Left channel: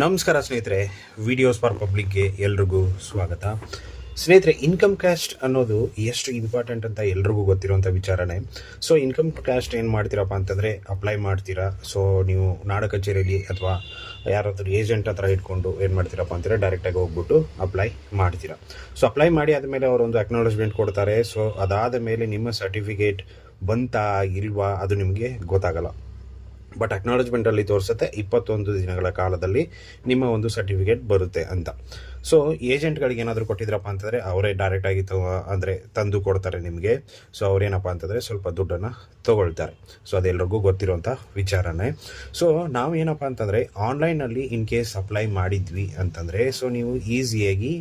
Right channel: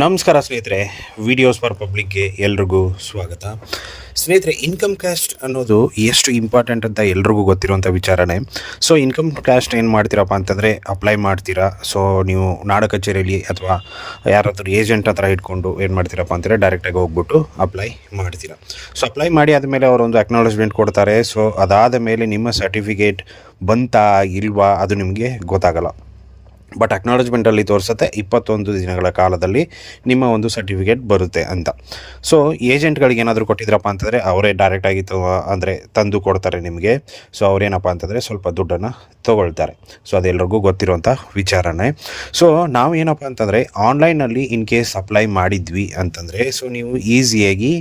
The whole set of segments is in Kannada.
ನಮಸ್ಕಾರ ಸ್ನೇಹಿತರೆ, ವಿಡಿಯೋಸ್ ಫಾರ್ ಪಬ್ಲಿಕ್ಗೆ ಎಲ್ರಿಗೂ ಸ್ವಾಗತ. ಸ್ನೇಹಿತರೆ, ಇನ್ಕಮ್ ಕ್ಯಾಸ್ಟ್ ಅನ್ನೋದು ಎಷ್ಟು ಇಂಪಾರ್ಟೆಂಟ್ ಅಂತ ಎಲ್ರಿಗೂ ಗೊತ್ತಿರುವಂಥ ವಿಚಾರನೇ. ಸೊ ಇನ್ಕಮ್ ಕ್ಯಾಸ್ಟ್ ಏನು ಮಾಡ್ತೀರಪ್ಪ ಅಂತಂದರೆ ಅಪ್ಲೈ ಮಾಡ್ತೀರಾ. ಸೊ ನೀವು ನಾಡ ಕಚೇರಿಯಲ್ಲಿ ಅಥವಾ ಯಾರಾದರೂ ಏಜೆಂಟ್ ಹತ್ರ ಇಟ್ಕೊಂಡು ಏನು ಮಾಡ್ತೀರಪ್ಪ ಅಂತಂದರೆ ಡೈರೆಕ್ಟಾಗಿ ಹೋಗ್ಬಿಟ್ಟು ಅಪ್ಲೈ ಮಾಡ್ತೀರಾ. ಸೊ ಅಪ್ಲೈ ಮಾಡಿ ಆದಮೇಲೆ ಅವರೊಂದು ಅಕ್ನಾಲೇಜ್ಮೆಂಟ್ ಕೊಡ್ತಾರೆ. ಸೊ ಅದಾದ ಮೇಲೆ ನಿಮ್ಮ ಸರ್ಟಿಫಿಕೇಟ್ ಬಂತಾ ಇಲ್ವಾ ಅದು ನಿಮಗೆ ಗೊತ್ತಾಗಲ್ಲ. ಬಟ್ ಅಕ್ನಾಲೇಜ್ಮೆಂಟಲ್ಲಿ ತೋರಿಸುತ್ತೆ 21 ದಿನಗಳ ಕಾಲದಲ್ಲಿ ನಿಮ್ಮ ಒಂದು ಸರ್ಟಿಫಿಕೇಟ್ ಬರುತ್ತೆ ಅಂತ. ಸೊ ಏಜೆಂಟ್ಗಳಿಗೆ ಏನಾದರೂ ಕೊಟ್ಟಿದ್ರಪ್ಪ ಅಂತಂದರೆ ಅವರೇ ಡೈರೆಕ್ಟಾಗಿ ಅಂದರೆ ತಂದು ಕೊಡ್ತಾರೆ ನಿಮಗೆ. ಸೊ ಅವರೇನಪ್ಪ ಅಂತಂದರೆ ಸ್ವಲ್ಪ ದುಡ್ಡನ್ನು ತೊಗೊಳ್ತಾರೆ. ಸೊ ಅದೆಲ್ಲರಿಗೂ ಗೊತ್ತಿರುವಂಥ ವಿಚಾರನೇ. ಸೊ ನಾವು ಏನಪ್ಪ ಅಂತಂದರೆ ಆನ್ಲೈನಲ್ಲಿ ಇನ್ ಕೇಸ್ ಅಪ್ಲೈ ಮಾಡಿದ್ವಿ ಅಂತಂದರೆ ಸೊ ನೀವು ಈಸಿಯಾಗಿ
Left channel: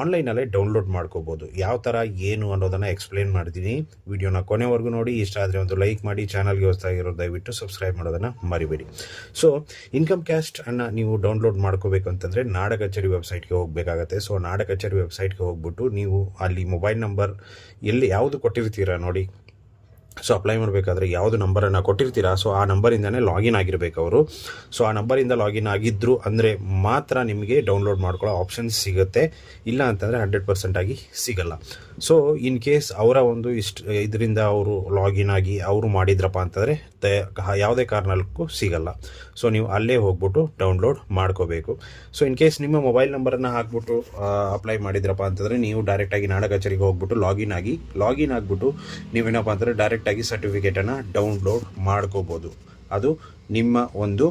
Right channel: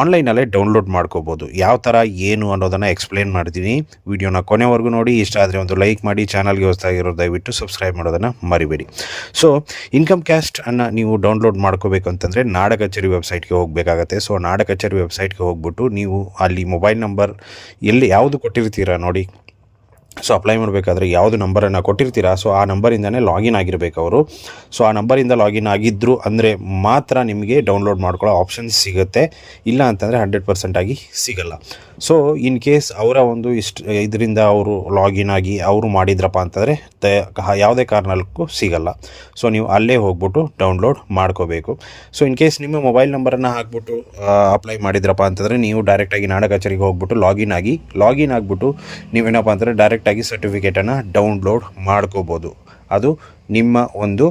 ಆನ್ಲೈನಲ್ಲೇ ಡೌನ್ಲೋಡ್ ಮಾಡ್ಕೋಬೋದು. ಯಾವ ಥರ ಏನು ಅನ್ನೋದನ್ನು ಎಕ್ಸ್ಪ್ಲೇನ್ ಮಾಡ್ತೀನಿ. ವಿಡಿಯೋನ ಕೊನೆವರೆಗೂ ನೋಡಿ. ಇಷ್ಟ ಆದರೆ ಒಂದು ಲೈಕ್ ಮಾಡಿ. ಚಾನಲ್ಗೆ ಹೊಸದಾಗಿರೋ ದಯವಿಟ್ಟು ಸಬ್ಸ್ಕ್ರೈಬ್ ಮಾಡೋದನ್ನು ಮರಿಬೇಡಿ. ಸೊ ಇನ್ಕಮ್ ಕ್ಯಾಸ್ಟ್ ಅನ್ನು ನೀವು ಡೌನ್ಲೋಡ್ ಮಾಡ್ಕೋಬೇಕು ಅಂತಂದರೆ ನಾಡ ಕಚೇರಿ ವೆಬ್ಸೈಟ್ಗೆ ಹೋಗಬೇಕಾಗತ್ತೆ. ಸೊ ನಾಡ ಕಚೇರಿ ವೆಬ್ಸೈಟ್ಗೆ ಹೋಗ್ಬಿಟ್ಟು ನೀವು ಅಲ್ಲಿ ಮೊಬೈಲ್ ನಂಬರ್ ಎಲ್ಲಿ ಯಾವುದು ಕೊಟ್ಟಿರ್ತೀರಾ ನೋಡಿ. ಸೊ ಅಪ್ಲೈ ಮಾಡಬೇಕಾದ್ರೆ ಯಾವುದು ನಂಬರನ್ನು ಕೊಟ್ಟಿರ್ತೀರಾ ಸೊ ಆ ನಂಬರಿಂದನೇ ಲಾಗಿನ್ ಆಗಿರಬೇಕು ಅವರು. ಸೊ ಆ ನಂಬರಿಂದ ಲಾಗಿನ್ ಆಗಿದ್ದರು ಅಂದರೆ ಮಾತ್ರ ನಿಮಗೆ ಡೌನ್ಲೋಡ್ ಮಾಡ್ಕೊಳ್ಳೋ ಆಪ್ಷನ್ಸ್ ಸಿಗುತ್ತೆ. ಇಲ್ಲ ಅಂತಂದರೆ 100% ಆಗಿ ಸಿಗಲ್ಲ. ಸೊ ಇನ್ ಕೇಸ್ ಅವರ ಒಂದು ಇದರಿಂದ ಅವರು ಲಾಗಿನ್ ಆಗಿ ಅವರು ಮಾಡಿದ್ರಪ್ಪ ಅಂತಂದರೆ ಯಾವುದೇ ಕಾರಣಕ್ಕೂ ಸಿಗಲ್ಲ. ಸೊ ನೀವು ಅಲ್ಲೇ ಹೋಗ್ಬಿಟ್ಟು ಡೌನ್ಲೋಡ್ ಮಾಡ್ಕೋಬೇಕು. ಸೊ ಇನ್ ಕೇಸ್ ನಿಮ್ಮ ಮೊಬೈಲ್ ನಂಬರನ್ನು ಹಾಕ್ಬಿಟ್ಟು ಅಪ್ಲೈ ಮಾಡಿದ್ರಪ್ಪ ಅಂತಂದರೆ ನೀವು ಡೈರೆಕ್ಟಾಗಿ ನಾಡ ಕಚೇರಿಗೆ ಹೋಗ್ಬಿಟ್ಟು ಲಾಗಿನ್ ಆಗಿಬಿಟ್ಟು ನೀವೇನಪ್ಪ ಅಂತಂದರೆ ಡೈರೆಕ್ಟಾಗಿ ಸರ್ಟಿಫಿಕೇಟನ್ನು ಡೌನ್ಲೋಡ್ ಮಾಡ್ಕೋಬೋದು. ಅದು ನಿಮ್ಮ ಒಂದು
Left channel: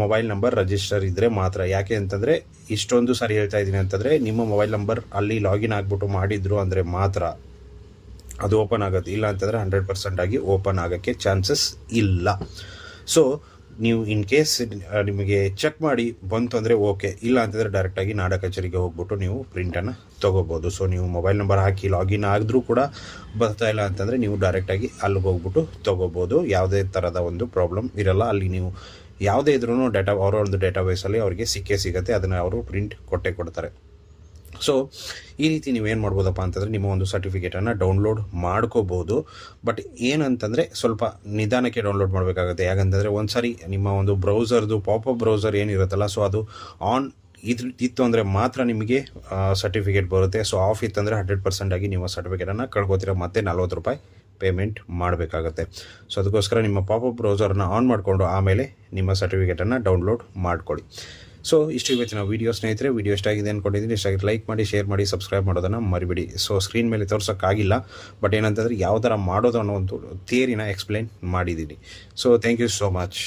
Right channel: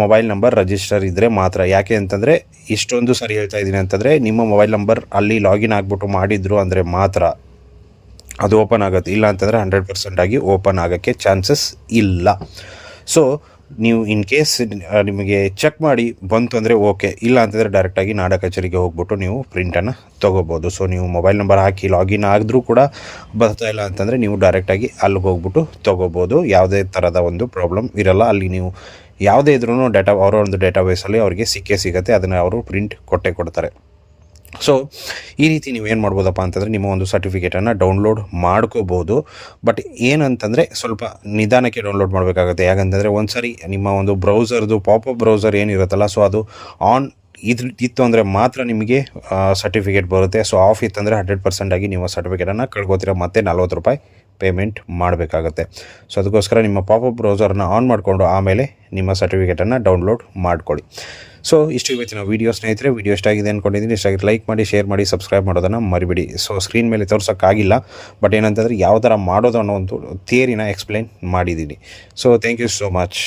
ಮೊಬೈಲ್ ನಂಬರ್ ರಿಜಿಸ್ಟರ್ ಇದ್ದರೆ ಮಾತ್ರ. ಯಾಕೆ ಅಂತಂದರೆ ಇಷ್ಟೊಂದು ಸರಿ ಹೇಳ್ತಾ ಇದ್ದೀನಿ ಅಂತಂದರೆ ನಿಮ್ಮ ಮೊಬೈಲ್ ನಂಬರ್ ಅಲ್ಲಿ ಲಾಗಿನ್ ಆಗಿಬಿಟ್ಟು ಮಾಡಿದ್ರು ಅಂದರೆ ಮಾತ್ರ ಅದು ಓಪನ್ ಆಗುತ್ತೆ. ಇಲ್ಲ ಅಂತಂದರೆ 100% ಆಗಿ ಓಪನ್ ಆಗೋಕ್ಕೆ ಚಾನ್ಸಸ್ ಇಲ್ಲ. ಸೊ ನೀವು ಇನ್ ಕೇಸ್ ನಿಮಗೆ ಚೆಕ್ ಮಾಡಿ ಬಂತು ಅಂದರೆ ಓಕೆ. ಇಲ್ಲ ಅಂತಂದರೆ ಡೈರೆಕ್ಟಾಗಿ ನಾಡ ಕಚೇರಿಗೆ ಹೋಗ್ಬಿಟ್ಟು ನೀವು ಪ್ರಿಂಟನ್ನು ತೊಗೋಬೋದು. ಸೊ ನೀವು ಮೊಬೈಲ್ ನಂಬರ್ ಹಾಕಿ ಲಾಗಿನ್ ಆಗಿದ್ರೂ ಕೂಡ ಬರ್ತಾ ಇಲ್ಲ ಅಂತಂದರೆ ನೀವು ಡೈರೆಕ್ಟಾಗಿ ಅಲ್ಲಿಗೆ ಹೋಗ್ಬಿಟ್ಟು ತೊಗೋಬೋದು. ಯಾವುದೇ ಥರದ ಒಂದು ಪ್ರಾಬ್ಲಮ್ ಇರಲ್ಲ. ಅಲ್ಲಿ ನೀವು ಯಾವುದೇ ಇದ್ರೂ ಅವರ ಒಂದು ಡೇಟಾಬೇಸಲ್ಲಿ ಅವರಿಗೆ ಸಿಗುತ್ತೆ. ಅದನ್ನು ಅವರು ಪ್ರಿಂಟ್ ಕೊಡ್ತಾರೆ. ಸೊ ಈ ರೀತಿ ನೀವೇನು ಮಾಡ್ಬೋದಪ್ಪ ಅಂತಂದರೆ ನಿಮ್ಮ ಒಂದು ಸರ್ಟಿಫಿಕೇಟನ್ನು ಡೌನ್ಲೋಡ್ ಮಾಡ್ಕೋಬೋದು. ಬಟ್ ಏನಂತಂದರೆ ಸ್ವಲ್ಪ ನಿಧಾನಕ್ಕೆ ಡೌನ್ಲೋಡ್ ಮಾಡಬೇಕಾಗುತ್ತೆ. ಯಾಕಂತಂದರೆ ಒಂದು ಸಾರಿ ನಿಮ್ಮ ಒಂದು ಬ್ರೌಸರ್ದು ಪಾಪಪ್ ಬ್ರೌಸರ್ ಏನಿರುತ್ತಲ್ಲ ಸೊ ಅದು ಆನ್ ಇತ್ತು ಅಂದರೆ ಮಾತ್ರ ನಿಮಗೆ ಸರ್ಟಿಫಿಕೇಟ್ ಬರುತ್ತೆ. ಸೊ ಆಫ್ ಇತ್ತಂದರೆ 100% ಆಗಿ ನೀವು ಸರ್ಟಿಫಿಕೇಟನ್ನು ಕಳ್ಕೊತೀರ. ಮತ್ತೆ ₹40 ಪೇಮೆಂಟ್ ಮಾಡಬೇಕಾಗತ್ತೆ. ಸೊ ಅದಕ್ಕೋಸ್ಕರ ನಿಮ್ಮ ಪಾಪಪ್ ಬ್ರೌಸರನ್ನು ಆನ್ ಮಾಡಿಕೊಂಡು ಆಮೇಲೆ ನಿಮ್ಮ ಸರ್ಟಿಫಿಕೇಟನ್ನು ಡೌನ್ಲೋಡ್ ಮಾಡ್ಕೊಳ್ಳಿ. ಸೊ ಇಷ್ಟು ಇವತ್ತಿನ ವೀಡಿಯೋ ಸ್ನೇಹಿತರೆ. ವಿಡಿಯೋ ಇಷ್ಟ ಆಗಿದೆ ಅಂದ್ಕೊಂಡಿದ್ದೀನಿ. ಇಷ್ಟ ಆಗಿದೆ ಲೈಕ್ ಮಾಡಿ, ಶೇರ್ ಮಾಡಿ, ಸಬ್ಸ್ಕ್ರೈಬ್ ಮಾಡೋದನ್ನು ಮರಿಬೇಡಿ. ಸೊ ಸ್ಕ್ರೀನ್ ಮೇಲೆ ತೋರ್ಸೋಕ್ಕಾಗಿಲ್ಲ, ಬಟ್ ಏನಂತಂದರೆ ಯಾವ ಥರ ಮಾಡೋದು ಅನ್ನೋ ಒಂದು ಥಿಯರಿನ ಎಕ್ಸ್ಪ್ಲೈನ್ ಮಾಡಿದ್ದೀನಿ. So thank you so much.